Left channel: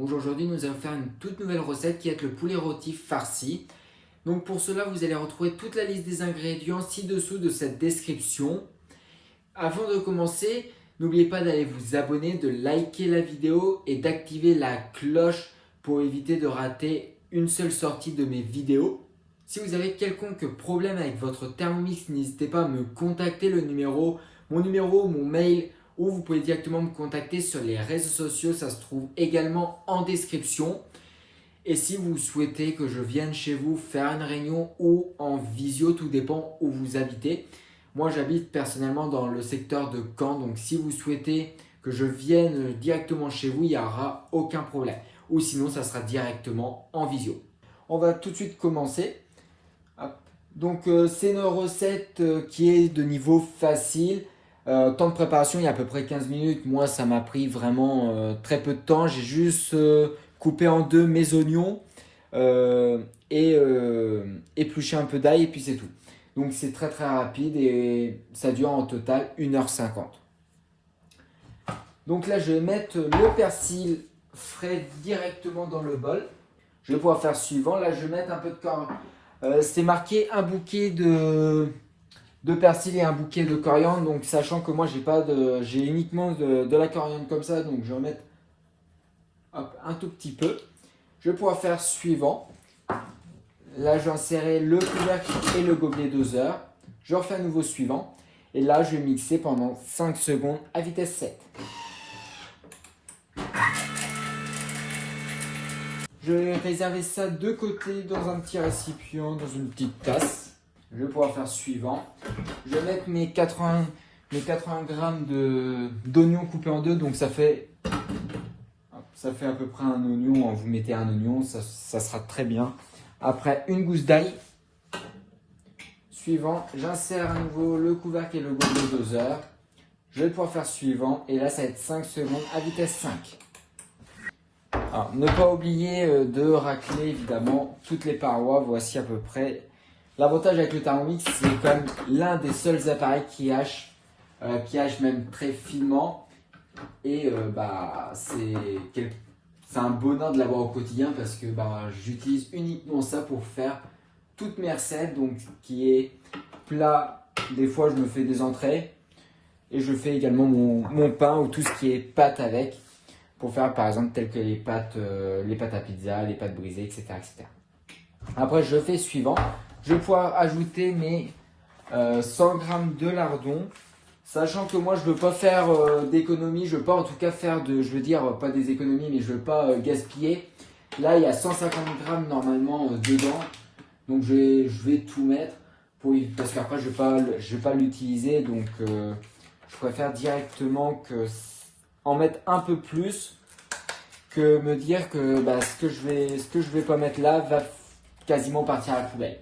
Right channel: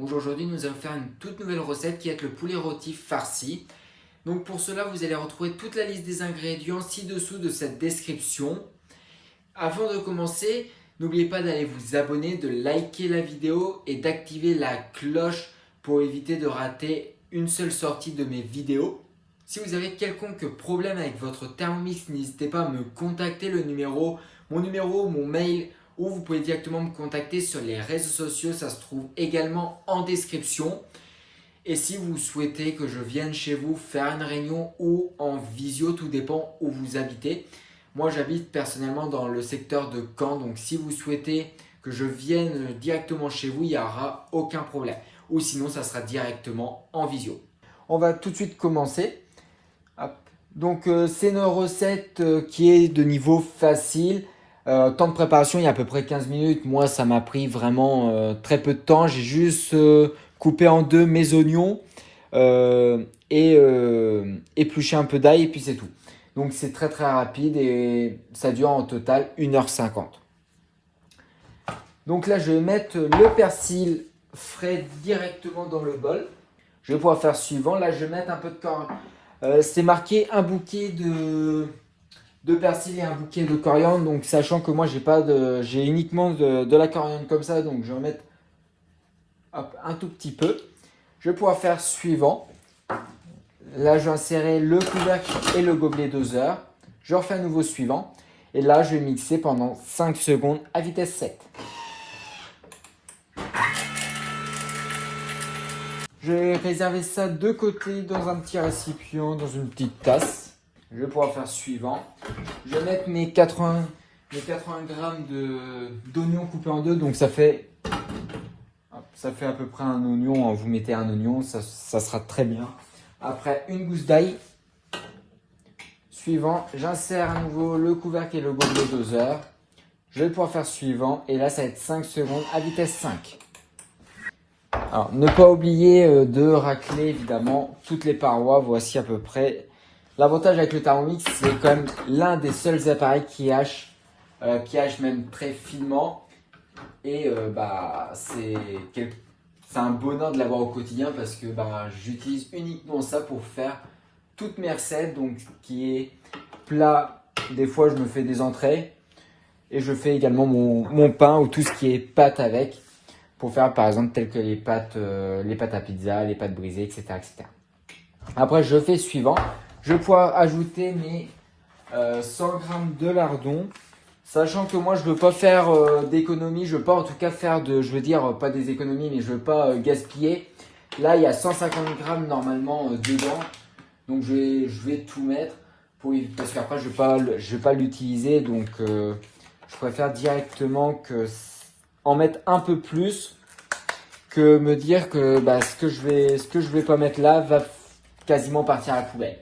Bonjour, aujourd'hui nous allons faire une toute nouvelle recette qui est le poulet rôti farci. Donc pour cela vous allez retrouver toute la liste des ingrédients ci-dessous de cette description. Avant de commencer, n'oubliez pas d'aller vous abonner, de liker la vidéo et d'activer la cloche pour éviter de rater une seule sortie de mes vidéos. Si vous avez quelconque problème avec votre Thermomix, n'hésitez pas à me contacter, mon numéro, mon mail, ou vous pouvez directement me contacter sur les réseaux sociaux, ça se trouve également en description. Et si vous souhaitez que je vienne chez vous faire une réunion ou en visio, tout dépend où vous habitez. Moi j'habite personnellement dans le secteur de Caen, donc si vous souhaitez que je vienne directement chez vous, il n'y aura aucun problème. Ou sinon ça sera directement en visio. On va tout de suite commencer. Donc c'est une recette qui est de niveau facile. Temps de préparation, il y a à peu près 15 minutes. Moi, ça m'a pris vraiment très peu de temps. J'ai juste coupé en deux mes oignons et épluché un peu d'ail et puis c'est tout. Donc c'est très très rapide et ça dure en total 1h50. Donc là, je vais mettre le persil frais directement dans le bol. Je vais pouvoir faire suivant. Là, je vais mettre un peu de coriandre. C'est marqué un bouquet de persil et un bouquet de coriandre, donc sachant que moi j'ai uniquement de la coriandre comme ça, donc je vais mettre un tout petit peu. Je vais pouvoir faire suivant. Là je vais insérer le couvercle et le gobelet doseur. Je refais à nouveau suivant et là je vais mixer pendant 5 secondes à vitesse 7. Je vais réserver ça de côté dans un petit récipient, dans une petite tasse. Je vais pouvoir faire suivant. Je vais mettre mes 80 grammes d'oignons coupés en deux. Donc ça fait à peu près un oignon. Vous mettez un oignon, ça sera très bien. Après une gousse d'ail. Suivant, j'insère à nouveau le couvercle et le gobelet doseur. Je vais pouvoir faire suivant. Et là, ça va être 5 secondes à vitesse 5. Alors, ne pas oublier de racler évidemment toutes les parois. Voici à peu près. L'avantage avec le Thermomix, c'est quand même l'un des seuls appareils qui hache même très finement. Et c'est un bonheur de l'avoir au quotidien parce que j'utilise uniquement ça pour faire toutes mes recettes. Donc, qui est plat, des fois je me fais des entrées et je fais également mon pain ou tout ce qui est pâte avec. Pour faire par exemple telles que les pâtes à pizza, les pâtes brisées, etc., etc. Après, je fais suivant. Je vais pouvoir ajouter mes 100 g de lardons. Sachant que moi, je ne veux pas faire d'économie. Je ne veux pas en tout cas faire pas des économies, mais je ne veux pas gaspiller. Là, il y a 150 g normalement dedans. Donc, je vais tout mettre parce qu'après, je ne vais pas l'utiliser. Donc, je préfère directement en mettre un peu plus que me dire que ce que je vais pas mettre là va quasiment partir à la poubelle.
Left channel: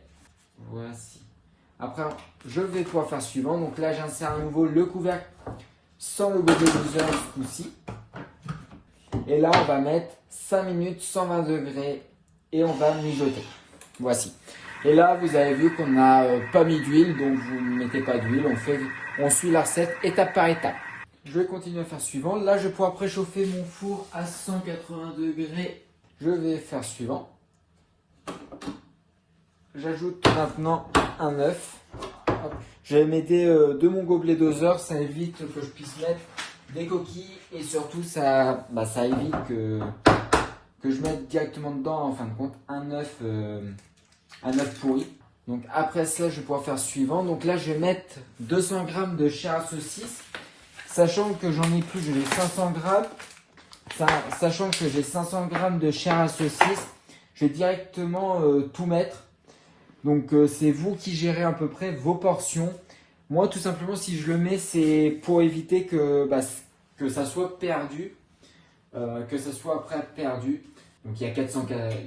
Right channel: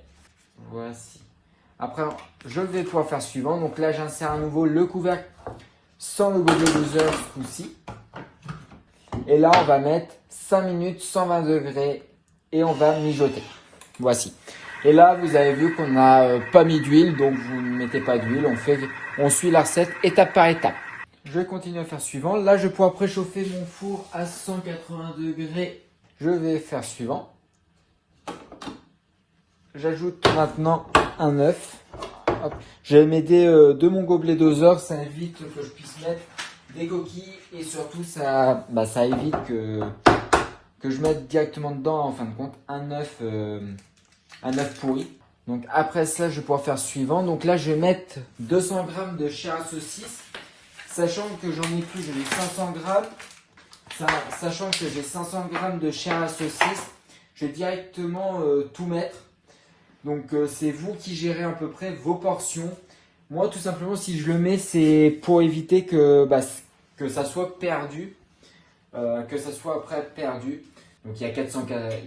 Voici. Après, je vais pouvoir faire suivant. Donc là, j'insère à nouveau le couvercle sans le gobelet doseur ici. Et là, on va mettre 5 minutes, 120 degrés et on va mijoter. Voici. Et là, vous avez vu qu'on n'a pas mis d'huile, donc vous ne mettez pas d'huile. On suit la recette étape par étape. Je vais continuer à faire suivant. Là, je vais pouvoir préchauffer mon four à 180 degrés. Je vais faire suivant. J'ajoute maintenant un œuf. Je vais m'aider de mon gobelet doseur. Ça évite que je puisse mettre des coquilles. Et surtout, ça évite que je mette directement dedans, en fin de compte, un œuf pourri. Donc après ça, je vais pouvoir faire suivant. Donc là, je vais mettre 200 g de chair à saucisse. Sachant que j'en ai plus, j'ai 500 g. Sachant que j'ai 500 g de chair à saucisse, je vais directement tout mettre. Donc c'est vous qui gérez à peu près vos portions. Moi, tout simplement, si je le mets, c'est pour éviter que ça soit perdu, que ça soit après perdu. Donc il y a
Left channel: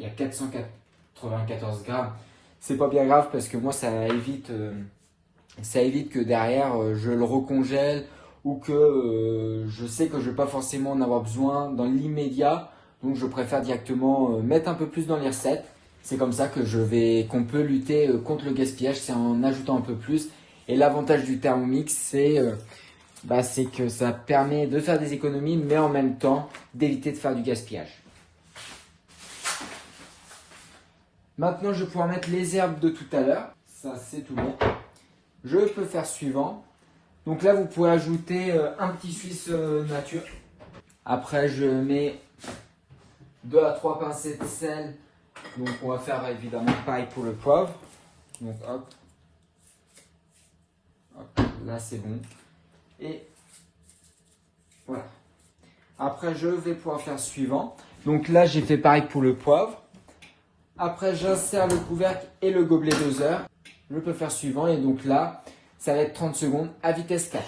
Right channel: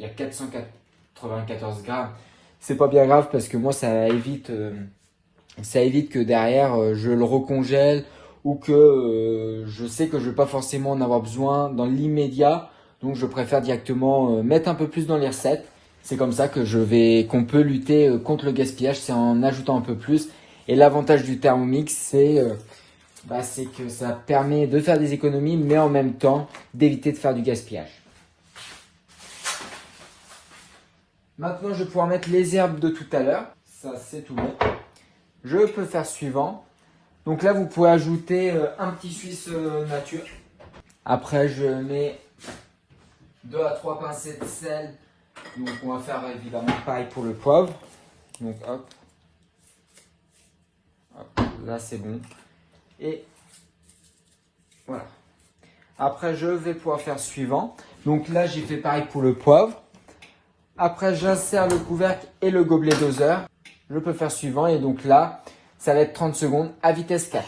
494 grammes. C'est pas bien grave parce que moi, ça évite que derrière je le recongèle. Ou que je sais que je ne vais pas forcément en avoir besoin dans l'immédiat. Donc je préfère directement mettre un peu plus dans les recettes. C'est comme ça qu'on peut lutter contre le gaspillage, c'est en ajoutant un peu plus. Et l'avantage du Thermomix, c'est que ça permet de faire des économies, mais en même temps d'éviter de faire du gaspillage. Maintenant, je vais pouvoir mettre les herbes de tout à l'heure. Ça, c'est tout bon. Je peux faire suivant. Donc là, vous pouvez ajouter un petit suisse nature. Après, je mets 2 à 3 pincées de sel. Donc, on va faire évidemment pareil pour le poivre. Donc, hop. Hop, là, c'est bon. Et voilà. Après, je vais pouvoir faire suivant. Donc là, j'ai fait pareil pour le poivre. Après, j'insère le couvercle et le gobelet doseur. Je peux faire suivant. Et donc là, ça va être 30 secondes à vitesse 4.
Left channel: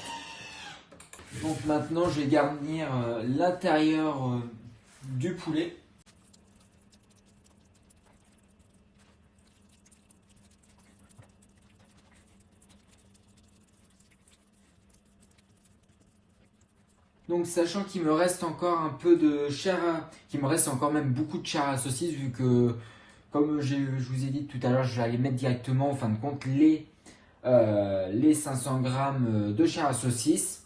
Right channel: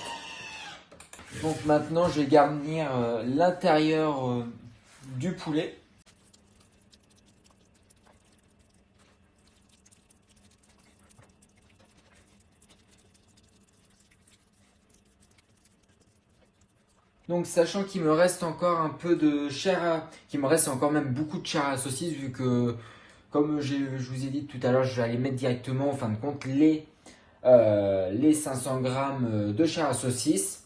Donc maintenant, je vais garnir l'intérieur du poulet. Donc sachant qu'il me reste encore un peu de chair, qu'il me reste encore même beaucoup de chair à saucisse, vu que, comme je vous ai dit tout à l'heure, je vais aller mettre directement, en fin de compte, les 500 grammes de chair à saucisse.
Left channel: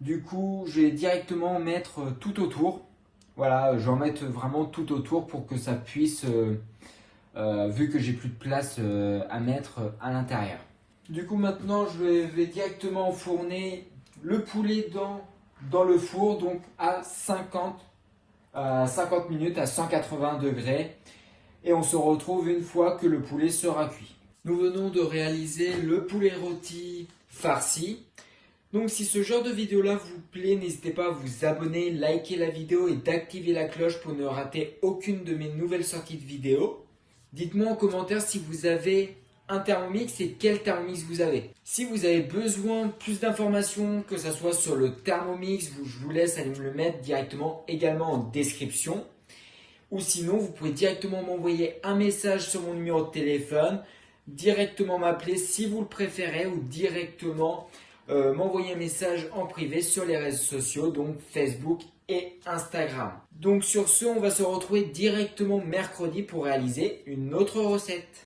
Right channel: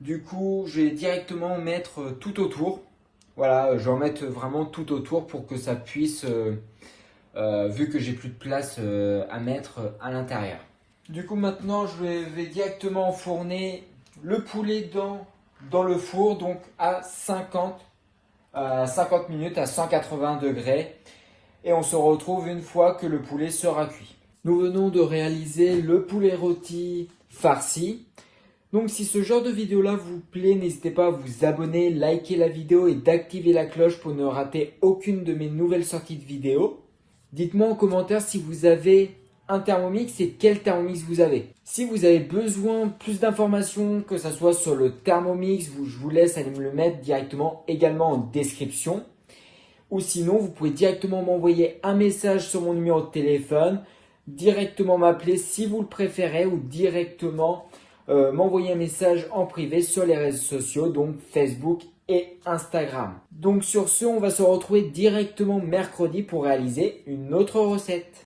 Du coup, je vais directement mettre tout autour. Voilà, je vais en mettre vraiment tout autour pour que ça puisse, vu que j'ai plus de place à mettre à l'intérieur. Du coup, maintenant, je vais directement enfourner le poulet dans le four, donc à 50 minutes à 180 degrés. Et on se retrouve une fois que le poulet sera cuit. Nous venons de réaliser le poulet rôti farci. Donc si ce genre de vidéo là vous plaît, n'hésitez pas à vous abonner, liker la vidéo et d'activer la cloche pour ne rater aucune de mes nouvelles sorties de vidéos. Dites-moi en commentaire si vous avez un Thermomix et quel Thermomix vous avez. Si vous avez besoin de plus d'informations, que ce soit sur le Thermomix, je vous laisse aller me le mettre directement également en description. Ou sinon, vous pouvez directement m'envoyer un message sur mon numéro de téléphone, directement m'appeler si vous le préférez, ou directement m'envoyer un message en privé sur les réseaux sociaux, donc Facebook et Instagram. Donc sur ce, on va se retrouver directement mercredi pour réaliser une autre recette.